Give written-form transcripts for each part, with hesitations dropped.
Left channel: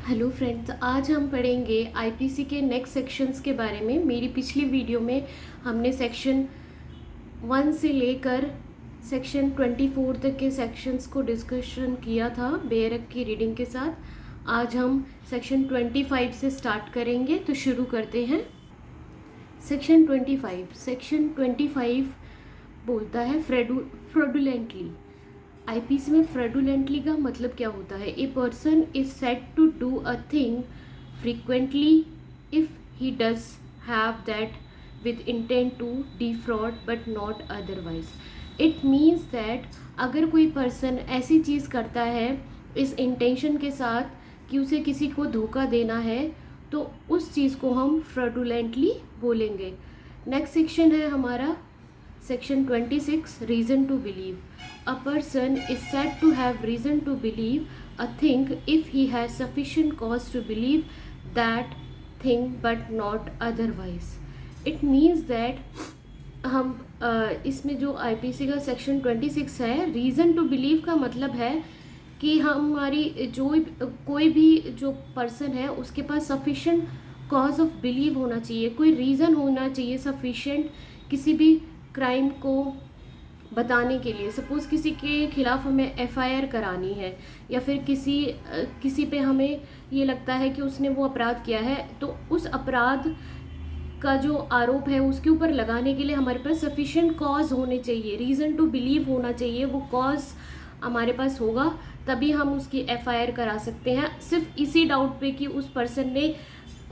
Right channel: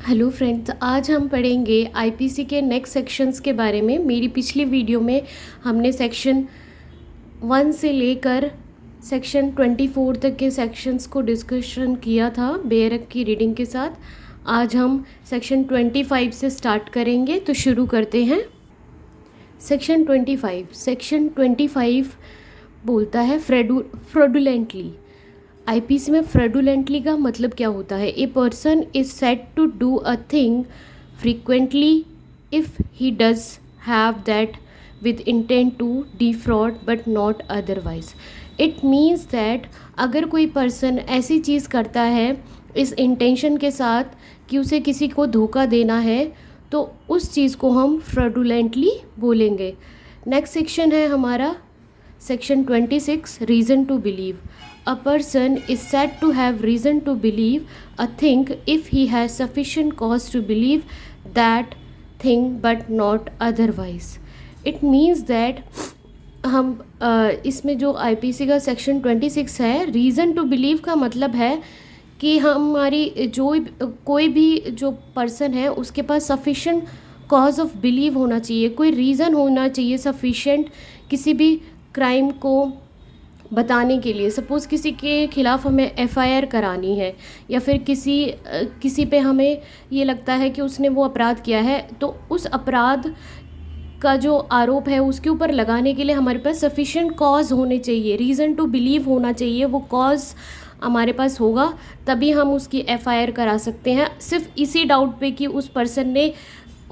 Hello friends, आज हम पढ़ेंगे आईपीसी के नेक्स्ट सेक्शंस के बारे में। मेरी पिछली वीडियो में हमने सेक्शन 1 से लेकर सेक्शन 24 तक के सेक्शंस को डिस्कशन किया था बेयरक की रीडिंग के साथ। आज हम सेक्शन 25 से स्टार्ट करेंगे, तो शुरू करते हैं। सेक्शन 25 बोलता है फ्रॉडुलेंटली। आईपीसी में फ्रॉडुलेंटली का मतलब क्या होता है? A person is said to do a thing frequently if he does have that with intent to defraud but not otherwise. It means that अगर कोई पर्सन ऐसी चीज़ करता है इस इंटेंशन के साथ कि उसे किसी को धोखा देना है, तो उस चीज़ को हम फ्रॉडुलेंटली बोलेंगे। नेक्स्ट सेक्शन है हमारा section 26, reason to believe. A person is said to have reason to believe a thing if he has sufficient cause to believe that thing but not otherwise. It means that हम इसमें जो IPC का section 26 है, reason to believe का मतलब है कि हमारी कोई भी जो पर्सन है उसके पास सफिशेंट कॉज ऑफ बिलीव होना चाहिए, कोई रीज़न होना चाहिए सफिशेंट किसी भी क्राइम को बताने के लिए। सपोज़ किसी के ख़िलाफ़ हमें एफआईआर करानी है, या फिर किसी पे हमें ये लगता है कि उसने वो अपराध किया है, तो उस अपराध का जो आरोप है उसके ऊपर लगाने के लिए हमारे पास सफिशिएंट कॉज होने चाहिए, रीज़न टू बिलीव होना चाहिए। वो कॉज हमारे पास होगा तभी हम उसकी एफआईआर करा सकते हैं, सिर्फ इसी डाउट पे कि उस पर्सन ने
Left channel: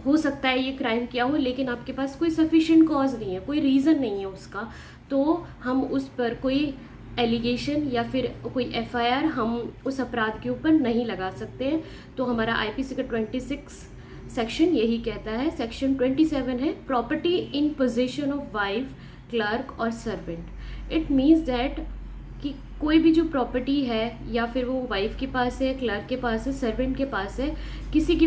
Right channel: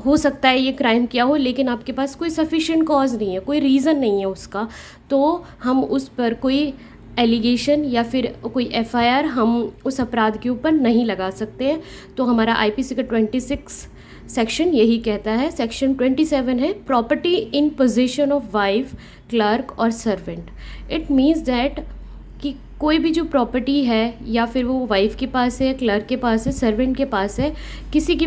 हो सकता है ये क्राइम किया हो, लेकिन आपके पास कोई सफिशिएंट कॉज नहीं है, कोई रीज़न नहीं है उसका, तो हम उस पर कोई एलिगेशन या फिर कोई एफआईआर हम उस अपराध के ऊपर नहीं लगा सकते हैं। तो हमारा आईपीसी का 26 सेक्शन यही कहता है। सेक्शन 27 है property in position of wife, clerk और सर्वेंट। इट मीन्स दैट कि कोई भी जो प्रॉपर्टी है, या फिर वो वाइफ के पास है, क्लर्क के पास है, सर्वेंट के पास है, किसी की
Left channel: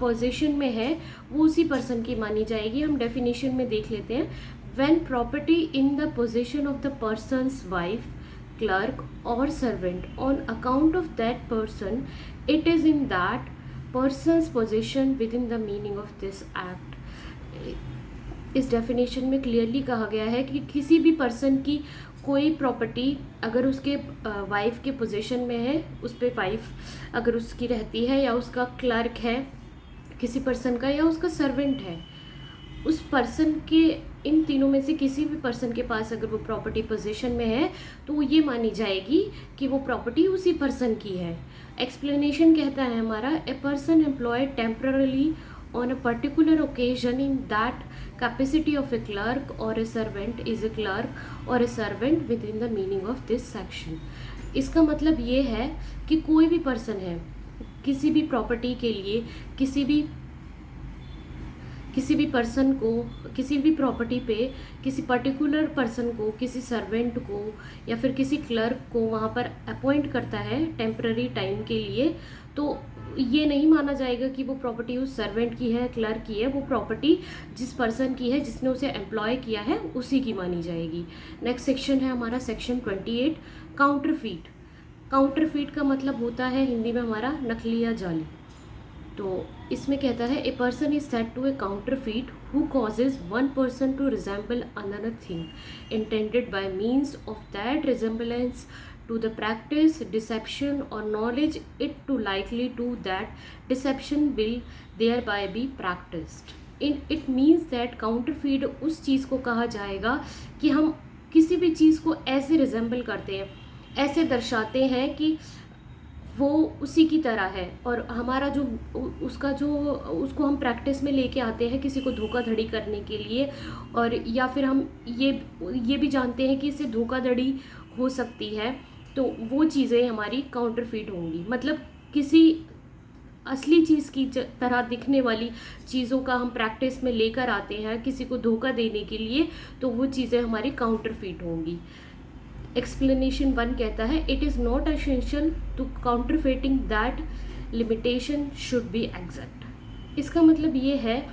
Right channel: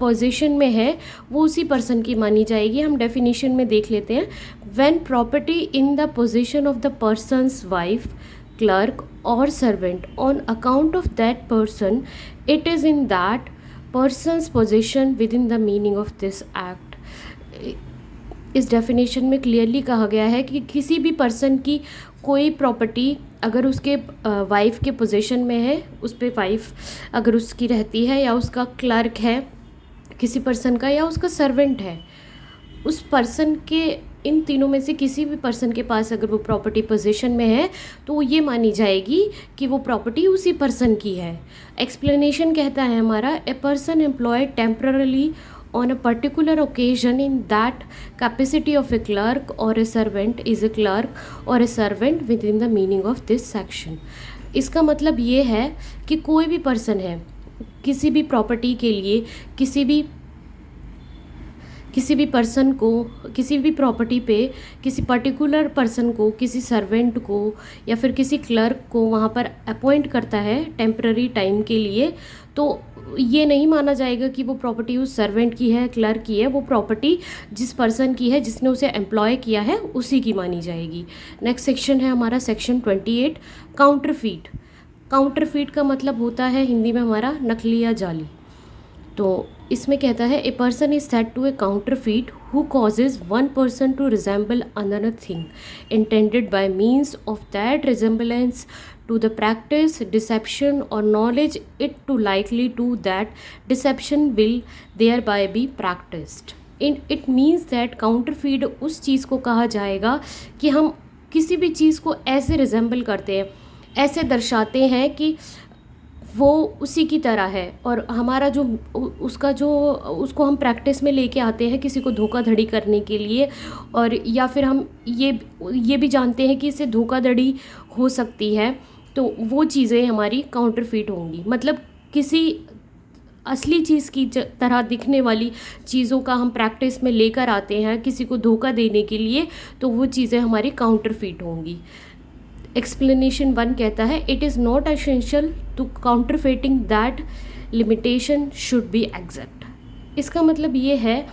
पोजीशन में है, वो उसी पर्सन की मानी जाएगी। हम डेफिनेशन में देख लेते हैं। When property in the position of the person's wife, clerk और servant on account of that person, it is in that person's position with in the meaning of this act. इस डेफिनेशन में clearly कहा गया है कि किसी भी person की कोई प्रॉपर्टी अगर उसके वाइफ के पोजीशन में है, उस पर वाइफ अगर उसकी रहती है, या उसका क्लर्क है किसी पर्सन का, या उसका सर्वेंट है, उस पर्सन के इन तीनों में से किसी भी पर्सन के पास अगर वो प्रॉपर्टी पोजीशन में है, तो वो ये मानी जाएगी कि वो प्रॉपर्टी उसी पर्सन की है। एक्सप्लेनेशन कहता है हमारा, a person employed temporarily on a particular occasion in that capacity of a clerk or a servant is a clerk or a servant within the meaning of this section। इसका मतलब ये है कि कोई भी पर्सन है किसी भी प्रॉपर्टी के लिए किसी भी पर्सन को, किसी भी प्रॉपर्टी पे किसी पर्टिकुलर पर्सन को, किसी सर्वेंट को या फिर किसी क्लर्क को वहाँ पर अपॉइंट करता है टेम्पररी टाइम के लिए, तो ये नहीं माना जाएगा कि वो प्रॉपर्टी उस सर्वेंट की है, क्लर्क की है। वो प्रॉपर्टी जिस पर्सन की है, जिसने उसे एम्प्लॉय किया है, उसी की मानी जाएगी। नेक्स्ट सेक्शन है हमारा सेक्शन 28, काउंटरफीट। काउंटरफीट का मतलब होता है हिंदी में हमारा नकली या जाली। तो इसमें कहता है, a person is said to a counterfeit who causes one person to resemble another thing intended by means of that resemblance to the practice, deception or knowledge it to likely to that deception will thereby be practiced। It means that counterfeit उस चीज़ को कहा जाएगा कि हम किसी भी चीज़ को ऐसे रिजेंबल करते हैं, ऐसे दर्शाते हैं कि वो उसी की तरह है, और हमारा जो उसको हम प्रैक्टिस में लेके आते हैं किसी को धोखाधड़ी करने के लिए, और या फिर हम ये भी जानते हैं कि इससे धोखाधड़ी हो सकती है, तो वो चीज़ें हमारी काउंटरफीट होंगी। मतलब किसी असली चीज़ की तरह दिखने वाली चीज़ों का हम प्रैक्टिस में लेकर आते हैं किसी को धोखा देने के लिए, तो वो चीज़ें हमारी काउंटरफीट होंगी। एक्सप्लेनेशन 1 कहता है, it is not essential to counterfeiting that limitation should be exact. इसका मतलब ये है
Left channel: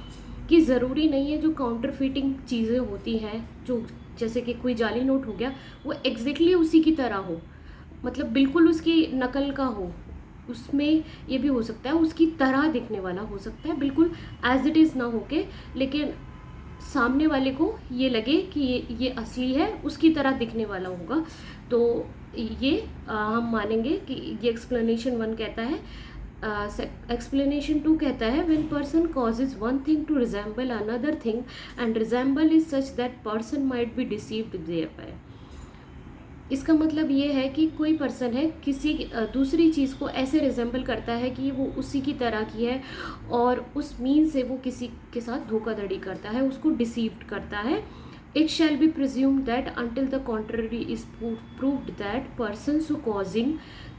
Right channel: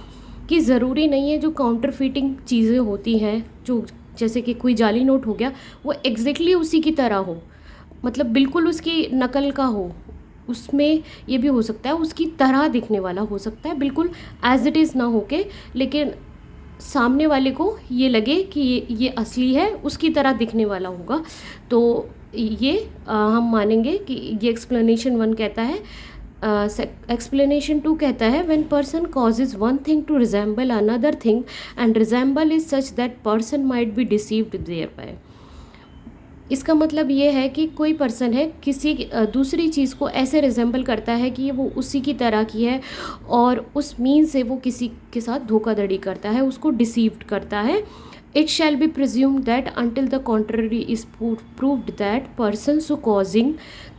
कि ज़रूरी नहीं है जो काउंटरफीटिंग चीज़ें होती हैं, जो जैसे कि कोई जाली नोट हो गया, वो एग्जैक्टली उसी की तरह हो, मतलब बिल्कुल उसकी नकल का हो, उसमें ये भी हो सकता है उसकी तरह दिखने वाला हो सकता है, बिल्कुल एज इट इज़ ना होके, लेकिन सामने वाले को ये लगे कि ये असली है, उसकी तरह दिखने वाला होगा। तो ये हम मानेंगे कि ये एक्सप्लेनेशन 1 कहता है। एक्सप्लेनेशन 2 कहता है when person causes one thing to resemble another thing and resemble is such that person might be deceived thereby. इसका मतलब ये है कि कोई पर्सन है किसी दूसरी चीज़ को ऐसे रिजेंबल करता है कि वो उसी की तरह की है, और उस मीन से वो किसी के साथ धोखाधड़ी करता है, उसको डिसीव्ड करता है। It shall be presumed that until the contrary is proved that person so causing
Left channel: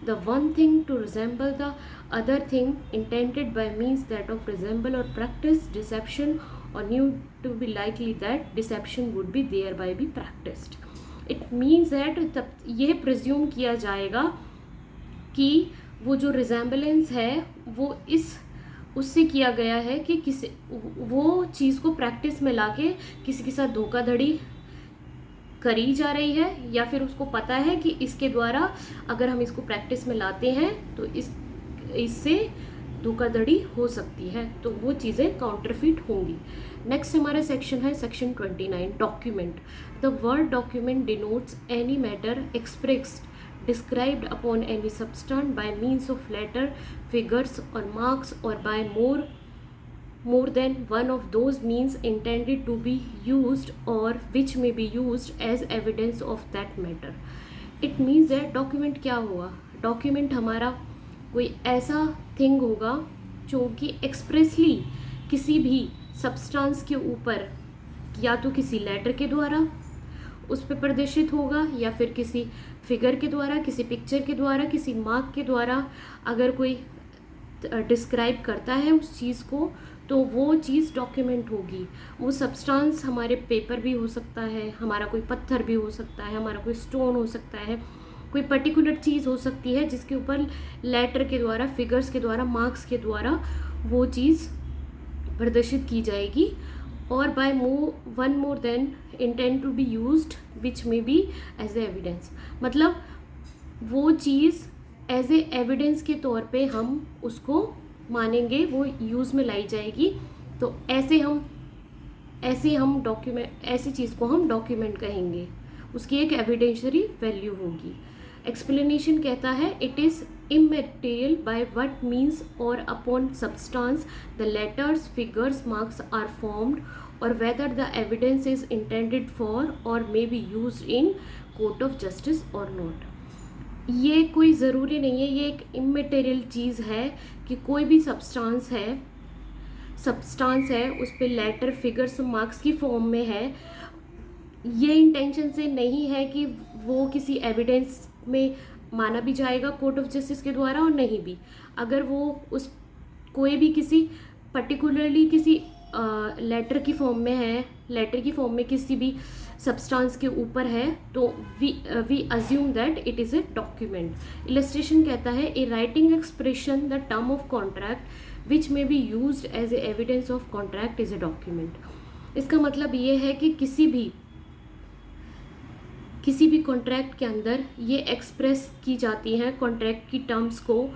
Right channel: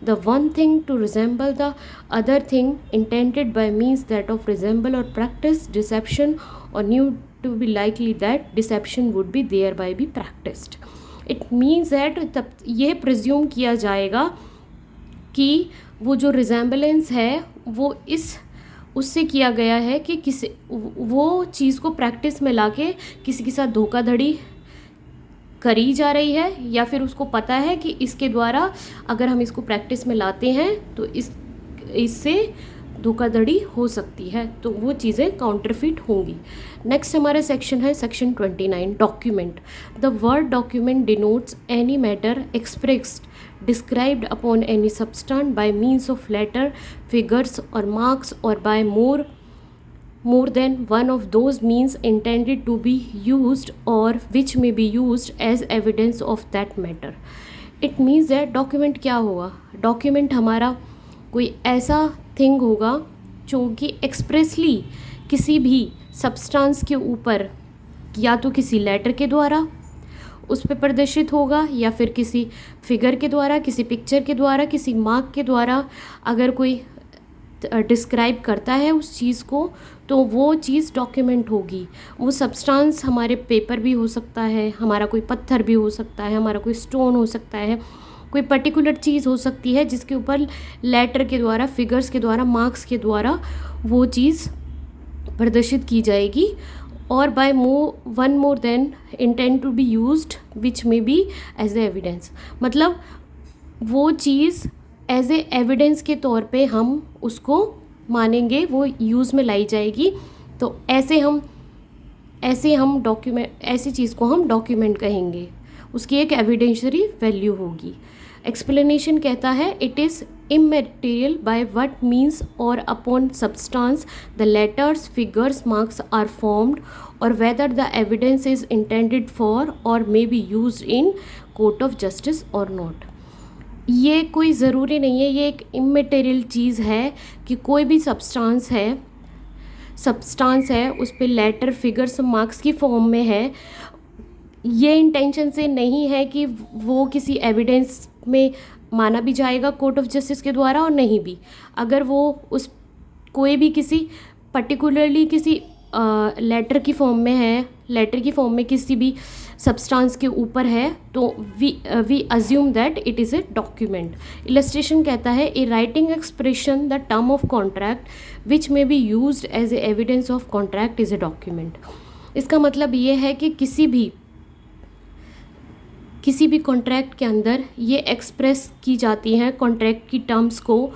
the one thing to resemble the other thing intended by means that of resemble और प्रैक्टिस डिसेप्शन और knew to be likely that deception would be thereby be practised. It means that तब ये presume किया जाएगा कि वो जो resemblance है वो उससे किया गया है कि किसी वो चीज़ को प्रैक्टिस में लाके किसी के साथ धोखाधड़ी करी जा रही है, या फिर उसको पता है कि इसके द्वारा अगर हम इसको प्रैक्टिस में लाते हैं तो इससे धोखाधड़ी हो सकती है, तो वो चीज़ें काउंटरफिट होंगी। नेक्स्ट हमारा सेक्शन है section 29, document. The word document denotes any matter expressed described upon any substance by means of letter, figures or marks, or by more than one of those means intended to be used or which may be used as evidence of that matter. It means that document क्या होगा? document हमारा कोई ऐसा thing होगा जो कि expressly किसी भी सब्सटेंस के ऊपर या तो किसी लेटर के द्वारा उस पर प्रदर्शित होगा, या फिर किसी फिगर के द्वारा, किसी पिक्चर के द्वारा, किसी मार्क के द्वारा अगर कोई डिस्क्राइब करता है उस चीज़ को, तो वो चीज़ डॉक्यूमेंट होगी। वो सब्सटेंस हमारे पेपर भी हो सकता है, हमारा कोई पत्थर भी हो सकता है, हमारा कोई स्टोन हो सकता है, कोई पर्टिकुलर चीज़ हो सकती है जिसके ऊपर लेटर के द्वारा, फिगर्स के द्वारा, मार्क्स के द्वारा वो चीज़ प्रदर्शित की जाएगी। और by one more than intend to be used which may be as a evidence, मतलब वो चीज़ एज ए एविडेंस के तौर पे हम उसको मानेंगे, वो यूज़ में लाई जाएगी। तो ऐसे हम डॉक्यूमेंट, ऐसी चीज़ को हम डॉक्यूमेंट कहेंगे, उसकी एक एविडेंशरी वैल्यू होगी। एक्सप्लेनेशन कहता है it is immaterial by what means or upon substance the letters, figures, marks are formed, or whether the evidence is intended for or may be used in court of justice or not. ये कोई ज़रूरी नहीं है, ये एक immaterial चीज़ है कि कोई भी सब्सटेंस है उस पर लेटर, फिगर्स, मार्क्स की फॉर्म में है। ये इंटेंशन से नहीं है कि वो किसी एविडेंस में माना भी जाएगा कोर्ट ऑफ जस्टिस के द्वारा, और नहीं भी अगर वो उस कोई भी किसी पर्टिकुलरली किसी लेटर की फॉर्म में है, लेटर की फॉर्म में किसी भी सब्सटेंस के ऊपर है, तो we assume that it is a document. Illustration कहता है a writing expression the term of contract which may be used as a evidence of contract is a document. इसका मतलब ये है कि किसी भी कॉन्ट्रैक्ट के अंदर ये एक्सप्रेस की जाती हैं कॉन्ट्रैक्ट की टर्म्स को,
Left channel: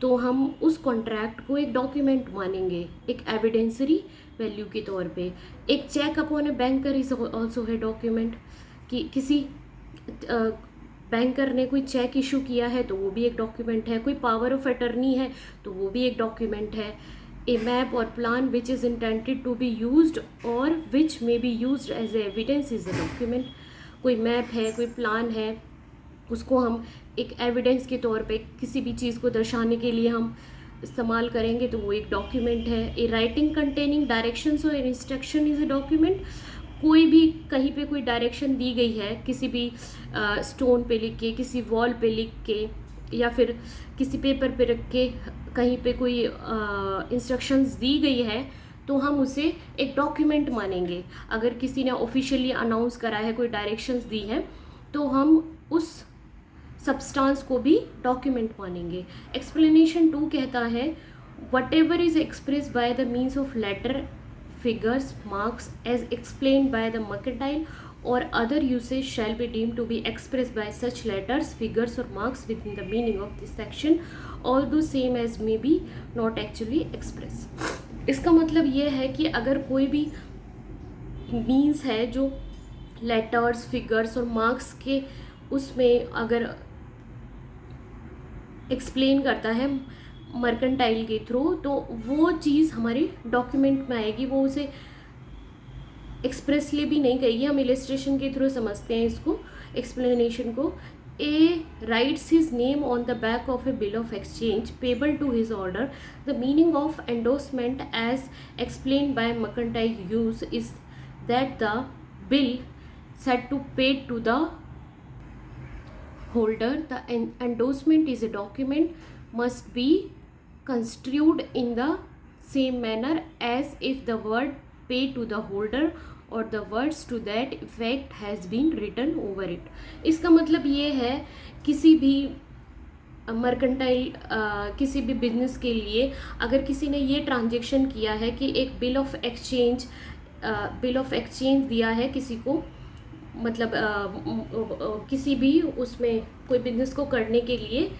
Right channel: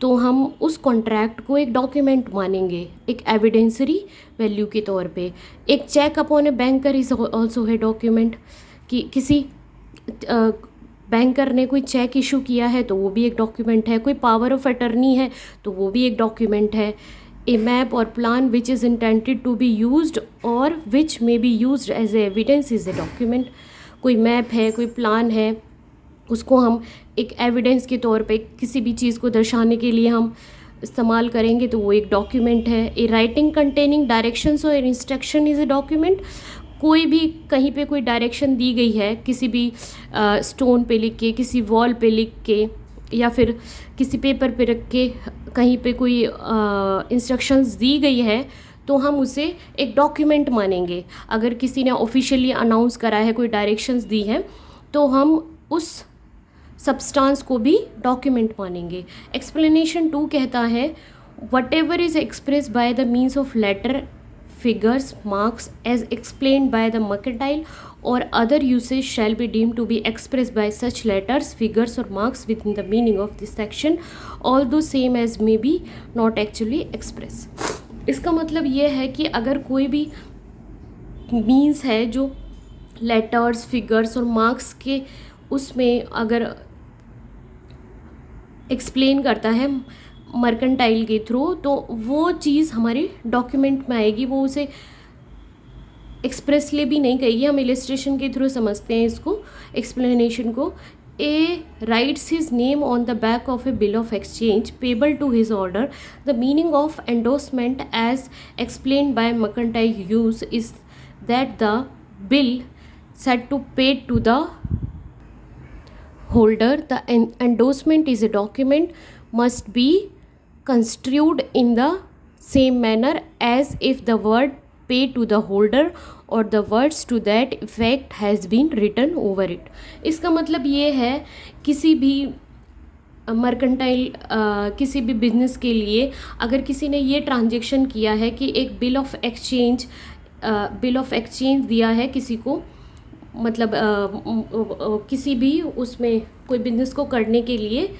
तो हम उस कॉन्ट्रैक्ट को एक डॉक्यूमेंट मानेंगे, एक एविडेंसरी वैल्यू के तौर पे। एक cheque upon a banker is also है डॉक्यूमेंट, कि किसी बैंकर ने कोई चेक इशू किया है तो वो भी एक डॉक्यूमेंट है। कोई पावर ऑफ अटर्नी है तो वो भी एक डॉक्यूमेंट है। ए मैप और plan which is intended to be used और which may be used as a evidence is a document. कोई मैप है, कोई प्लान है, उसको हम एक एविडेंस के तौर पे किसी भी चीज़ को दर्शाने के लिए हम इस्तेमाल करेंगे, तो वो एक डॉक्यूमेंट है। ए राइटिंग कंटेनिंग डायरेक्शंस और इंस्ट्रक्शन इज़ ए डॉक्यूमेंट। कोई भी कहीं पे कोई डायरेक्शन दी गई है, किसी भी स्टोन पे लिख के, किसी वॉल पे लिख के, या फिर किसी पेपर पे रख के कहीं पे कोई इंस्ट्रक्शंस दी गई है, तो हम उसे एक डॉक्यूमेंट मानेंगे। अगर किसी ने ऑफिशियली अनाउंस करा है, कोई डायरेक्शंस दी हैं, तो हम उस सब्सटेंस को भी डॉक्यूमेंट मानेंगे। एक्सप्लेनेशन 2 कहता है whatever is express by the means of letter, figures, marks as explained by the mercantile or other usage shall be deemed to be expressed by such letters, figures or marks within the meaning of this section, although same as may be not actually express. इसका मतलब ये है कि अगर कोई भी means है जो लेटर्स, फिगर्स और मार्क्स के उसमें अगर एक्सप्लेन करता है मर्केंटाइल के थ्रू, तो वो चीज़ हमारी डॉक्यूमेंट में आएगी, वो उसे एक्सप्रेसली भी नहीं कहेगी, हम इलस्ट्रेशन के थ्रू समझते हैं इसको, एक्सप्लेनेशन को. A writes his name on the back of a bill of exchange payable to his order. The meaning of endorsement as explain by mercantile use is that the bill said to pay to the holder. The endorsement is a document must be construed in the same manner as if the word pay to the holder or the words to that effect has been written over it. इसका मतलब ये है किसी भी mercantile किसी भी business के लिए अगर किसी ने ये ट्रांजेक्शन किया है कि एक बिल ऑफ एक्सचेंज दिया है किसी को, मतलब किसी भी उसमें कोई बिजनेस को करने के लिए,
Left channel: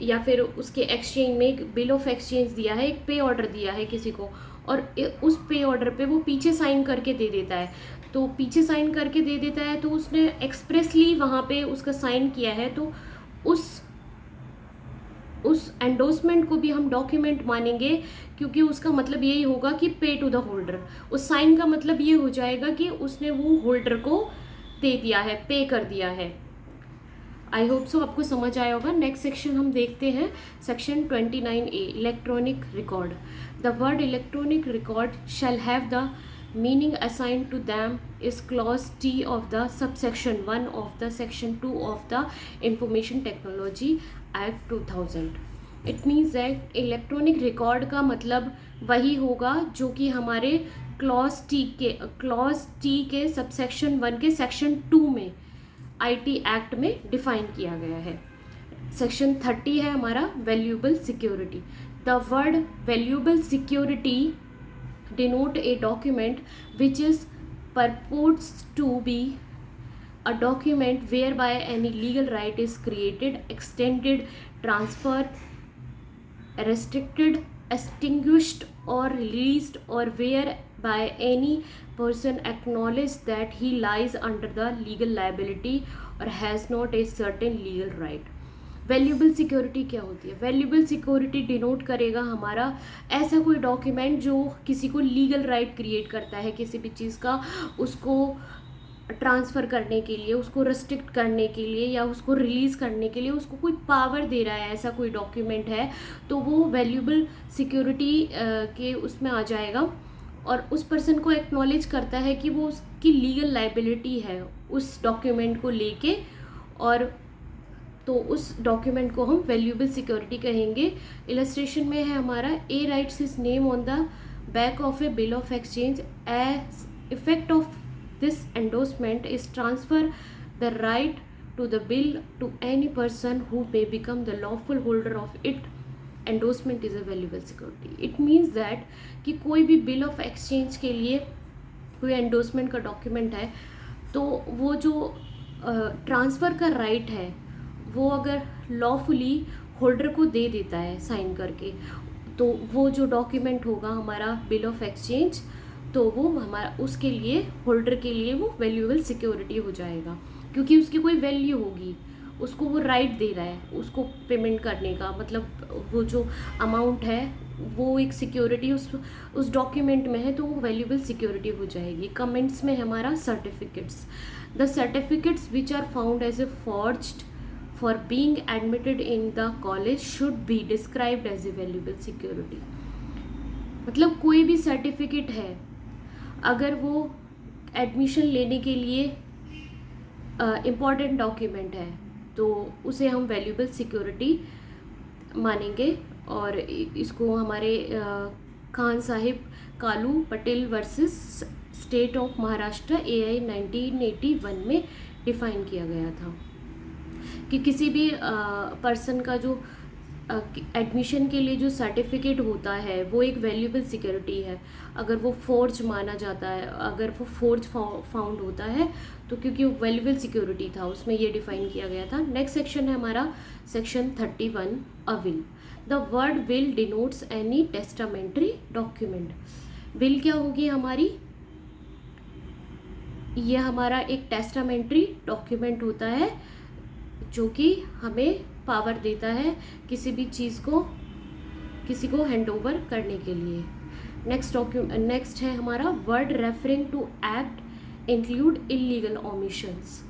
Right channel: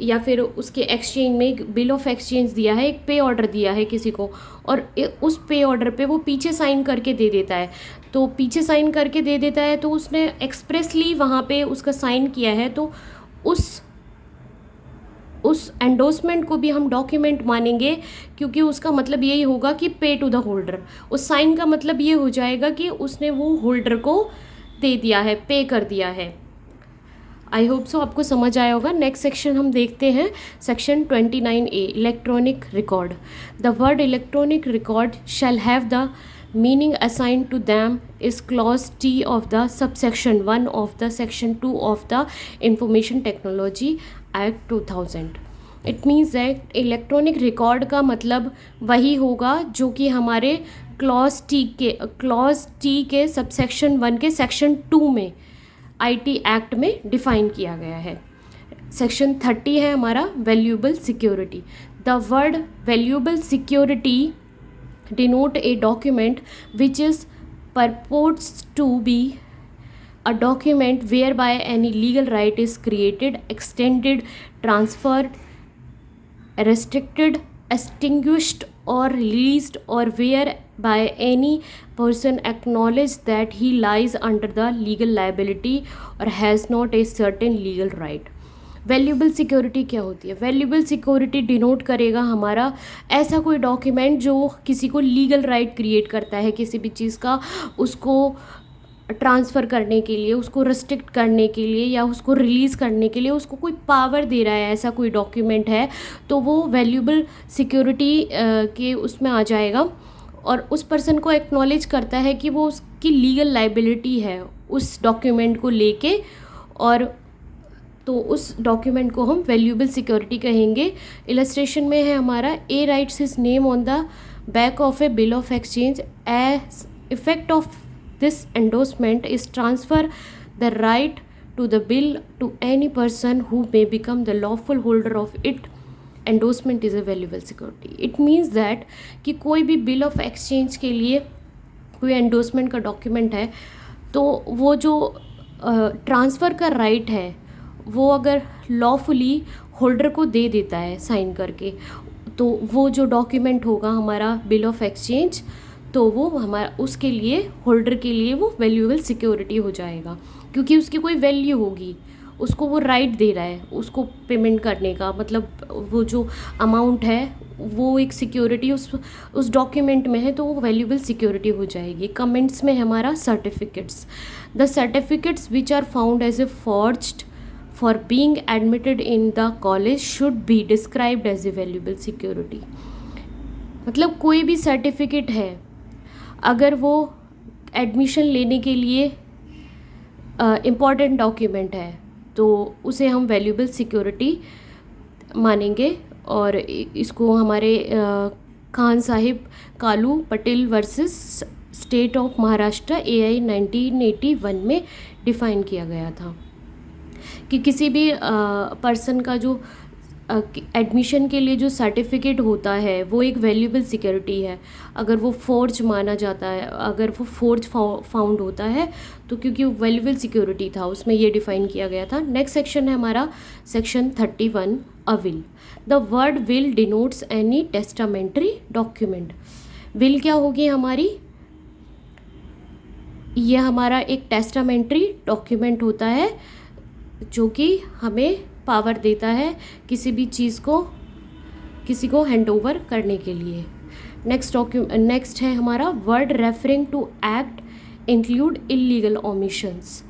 या फिर उसके एक्सचेंज में एक बिल ऑफ एक्सचेंज दिया है, एक पे ऑर्डर दिया है किसी को, और उस पे ऑर्डर पे वो पीछे साइन करके दे देता है. तो पीछे साइन करके दे देता है तो उसने एक्सप्रेसली वहाँ पे उसका साइन किया है, तो उस एंडोर्समेंट को भी हम डॉक्यूमेंट मानेंगे, क्योंकि उसका मतलब यही होगा कि पे टू द होल्डर. उस साइन का मतलब ये हो जाएगा कि उसने वो होल्डर को दे दिया है, पे कर दिया है. आई होप सो आपको समझ आया होगा. नेक्स्ट सेक्शन हम देखते हैं, section 29A, electronic record. The word electronic record shall have the meaning assigned to them is clause T of the subsection 1 of the section 2 of the information technology act 2000. It means that electronic record का मतलब वही होगा जो कि हमारे clause T के subsection 1 के section 2 में आईटी एक्ट में डिफाइन किया गया है. सेक्शन 30 है हमारा valuable security. The word valuable security denote a document which is purports to be a document whereby any legal right is created, extended, transferred, restricted, extinguished or released, or whereby any person acknowledges that he lies under the legal liability or has not a certain legal right. Valuable security क्या होती है? Valuable security denote करेगा हमारा ऐसा कोई document जो किसी को लीगल राइट क्रिएट करता है किसी भी चीज़ का, उसको ट्रांसफ़र करने के लिए, उसको रेस्ट्रिक्ट करने के लिए या उसको रिलीज़ करने के लिए उसको कोई पावर दे रहा है, ऐसा कोई डॉक्यूमेंट है तो वो वैल्यूएबल सिक्योरिटी के उसमें आ जाएगा. और उस पर्सन को एक्नॉलेज करता है कि वो उसकी लीगल लाइबिलिटी है उस डॉक्यूमेंट को लेके, और तो उस डॉक्यूमेंट को हम वैल्यूएबल सिक्योरिटी कहेंगे. इलस्ट्रेशन में है हमारा a writes his name on the back of a bill of exchange. As effect of this endorsement is transfer the right to the bill to any person who may become the lawful holder of it. Endorsement is a valuable security. It means that कि कोई भी bill of exchange के लिए कोई endorsement का document है तो वो जो ट्रांसफ़र का राइट है वो अगर लॉफुली होल्डर को दे देता है साइन करके, तो वो जो डॉक्यूमेंट होगा हमारा बिल ऑफ एक्सचेंज, तो वो हमारा उसके लिए होल्डर के लिए वो वैल्यूएबल सिक्योरिटी हो जाएगा, क्योंकि उसकी कोई वैल्यू होगी, उसको वो राइट दे रहा है उसको पेमेंट करने का, मतलब वो जो अमाउंट है वो एक सिक्योरिटी उस डॉक्यूमेंट में है तो वो वैल्यूएबल सिक्योरिटी हो जाएगी. कमेंट्स में हमारा certificates. The certificates which are found as a forged for being admitted in the college should be described as a valuable security. मतलब कोई भी सर्टिफिकेट है अगर वो एडमिशन लेने के लिए इम्पॉर्टेंट डॉक्यूमेंट है तो उसे हम वैल्यूएबल सिक्योरिटी मानेंगे. और इसको हमारे Khan Sahib Kalu Patel versus state of Maharashtra AI 1981 में डिफ़ाइन किया गया था कि किसी भी पर्सन का जो एडमिशन के लिए जो सर्टिफिकेट होता है वो एक वैल्यूएबल सिक्योरिटी है। अगर वो फोर्ज माना जाता है, अगर वो फोर्ज फाउंड होता है तो क्योंकि वो वैल्यूएबल सिक्योरिटी था, उसमें ये डिफाइन किया गया था। नेक्स्ट सेक्शन है हमारा section 31, a will. The word will denotes any testamentary document. Will क्या होगी हमारी, ये हमारा एक टेस्टामेंट्री डॉक्यूमेंट होता है जो कि हमें पावर देता है किसी भी चीज़ को किसी को हैंड ओवर करने के लिए। नेक्स्ट है हमारा word referring to act include illegal omissions.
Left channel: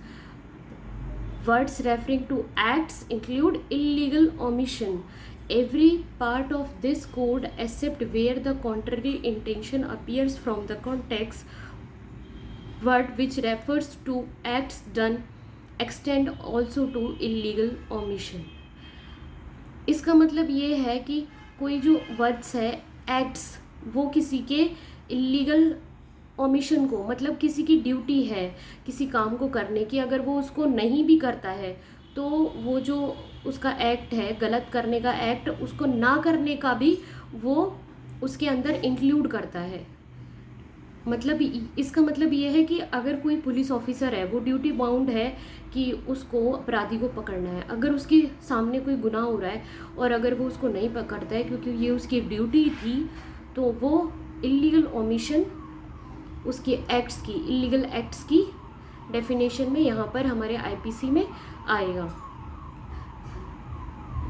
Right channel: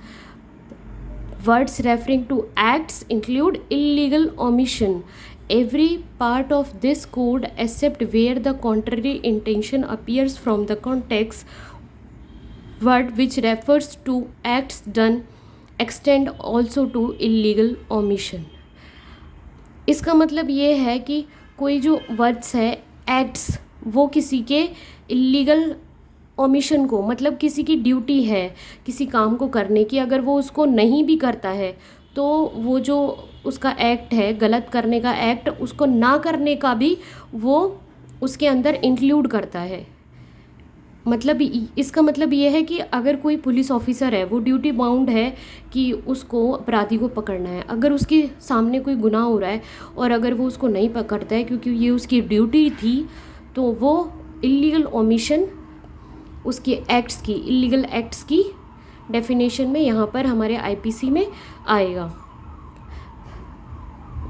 Words referring to acts include illegal omission. Every part of this code except where the contrary intention appears from the context word which refers to acts done extend also to illegal omission। इसका मतलब ये है कि कोई जो words है acts, वो किसी के इलीगल ओमिशन को, मतलब किसी की ड्यूटी है किसी काम को करने की, अगर वो उसको नहीं भी करता है तो वो जो उसका एक्ट है, गलत करने का एक्ट, उसको ना करने का भी वो उसके अंदर इंक्लूड करता है। मतलब इसका मतलब ये है कि अगर कोई पुलिस ऑफिसर है, वो ड्यूटी बाउंड है कि उसको अपराधी को पकड़ना है। अगर उसके सामने कोई गुनाह हो रहा है और अगर वो उसको नहीं पकड़ता है क्योंकि ये उसकी ड्यूटी थी, तो वो इलीगल ओमिशन, उसके एक्ट्स की, इलीगल एक्ट्स की डेफिनेशन में यहाँ पर हमारे आईपीसी में आएगा।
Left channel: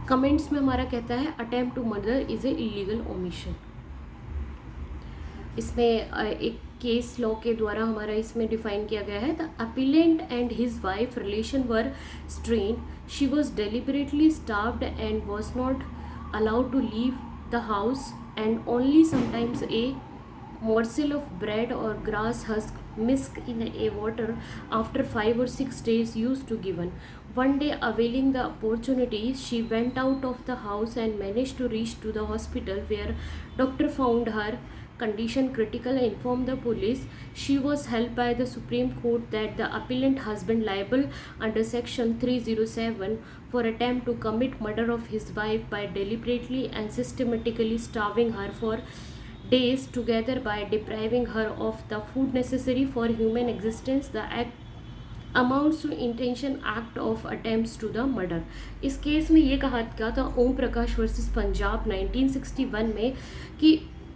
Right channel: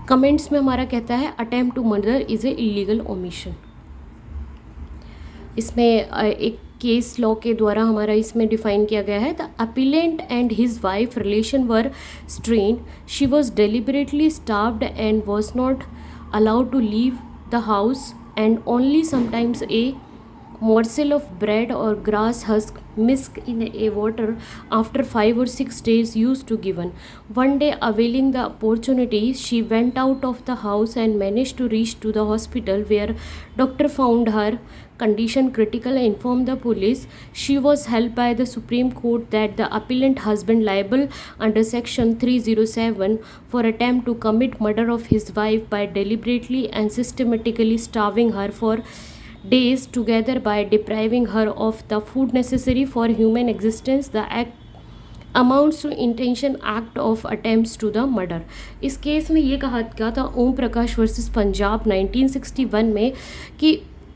कमेंट्स में हमारा कहता है attempt to murder is a illegal omission. इसमें एक केस लॉ के द्वारा हमारा इसमें डिफाइन किया गया है। The appellant and his wife relation were strained, she was deliberately starved and was not allowed to leave the house and only sometimes a morsel of bread or grass husk mixed in a water after 5 or 6 days used to given. One day, availing the opportunity, she went out of the house and managed to reach to the hospital where doctor found her condition critical and informed the police. She was held by the Supreme Court that the appellant husband liable under section 307 for attempt to commit murder of his wife by deliberately and systematically starving her for days together by depriving her of the food necessary for human existence. The act amounts to intention act of attempts to the murder। इस case में ये कहा गया था Om Prakash versus Punjab 1961 में कि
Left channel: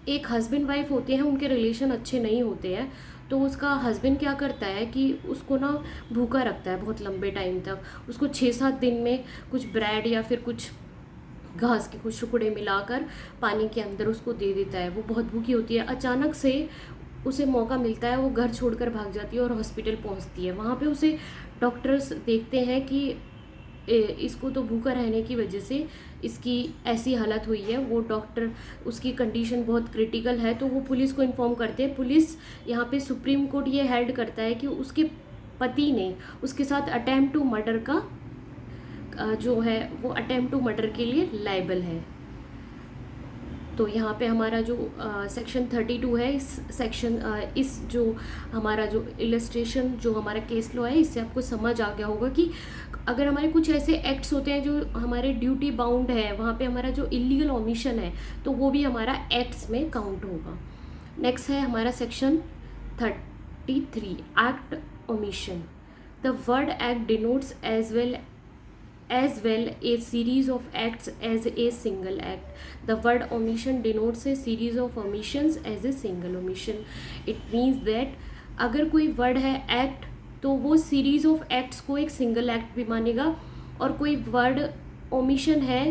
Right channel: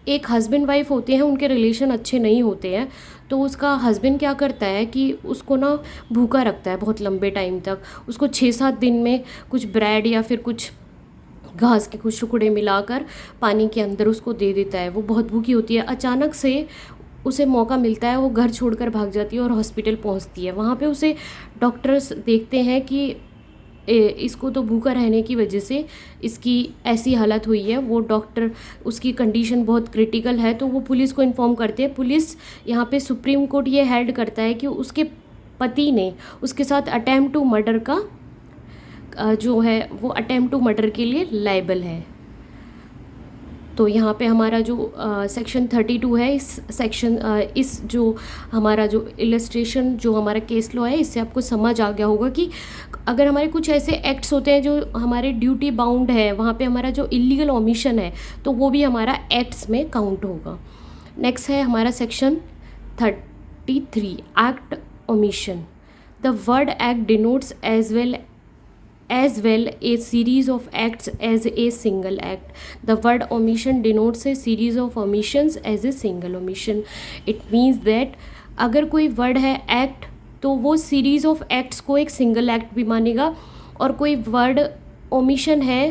एक husband wife होते हैं, उनके रिलेशन अच्छे नहीं होते हैं, तो उसका हस्बैंड क्या करता है कि उसको ना भूखा रखता है बहुत लंबे टाइम तक। उसको 6-7 दिन में कुछ ब्रेड या फिर कुछ घास के कुछ टुकड़े मिलाकर पानी के अंदर उसको दे देता है। वो बहुत भूखी होती है, अचानक से उसे मौका मिलता है, वो घर छोड़कर भाग जाती है और हॉस्पिटल पहुंचती है। वहाँ पे उसे डॉक्टर्स देखते हैं कि इसको तो भूखा रहने की वजह से इसकी ऐसी हालत हुई है। वो डॉक्टर, उसकी कंडीशन बहुत क्रिटिकल है, तो वो पुलिस को इन्फॉर्म करते हैं। पुलिस यहाँ पे सुप्रीम कोर्ट ये हेल्ड करता है कि उसके पति ने उसके साथ अटेम्प्ट टू मर्डर का जो है वो अटेम्प्ट टू मर्डर के लिए लायबल है। तो यहाँ पे हमारा जो सेक्शन 32 है, इस सेक्शन इस जो हमारा जो इलस्ट्रेशन जो हमारा केस लॉ है, इससे आपको समझ आ गया होगा कि अगर हमारे कुछ ऐसे एक्ट्स होते हैं जो हमारे ड्यूटी बाउंड है, वहाँ पे हमारा जो इलीगल ओमिशन है तो वो भी हमारा एक्ट्स में काउंट होगा। नेक्स्ट है हमारा section 33, act omission. The word act denotes as well a series of acts as a single act. The word omission denotes a series of omissions as a single omission. It means that अगर कोई word है act तो वो series of acts को एक single act भी मानेगा, और कोई वर्ड ओमिशन है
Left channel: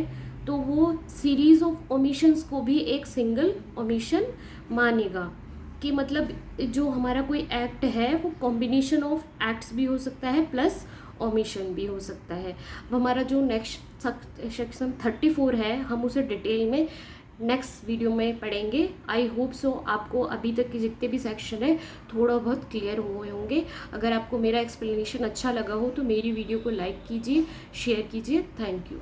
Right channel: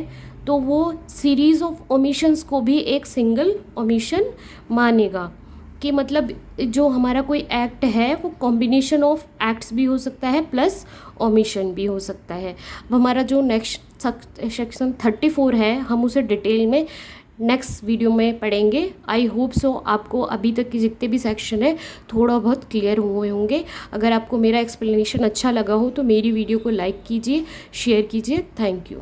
तो वो सीरीज ऑफ ओमिशंस को भी एक सिंगल ओमिशन मानेगा। कि मतलब जो हमारा कोई एक्ट है वो कॉम्बिनेशन ऑफ एक्ट्स भी हो सकता है प्लस ओमिशन भी हो सकता है। अब हमारा जो नेक्स्ट सेक्शन 34 है, हम उसे डिटेल में नेक्स्ट वीडियो में पढ़ेंगे। आई होप सो आपको अभी तक के जितने भी सेक्शन है थोड़ा बहुत क्लियर हुए होंगे। अगर आपको मेरा एक्सप्लेनेशन अच्छा लगा हो तो मेरी वीडियो को लाइक कीजिए, शेयर कीजिए। Thank you.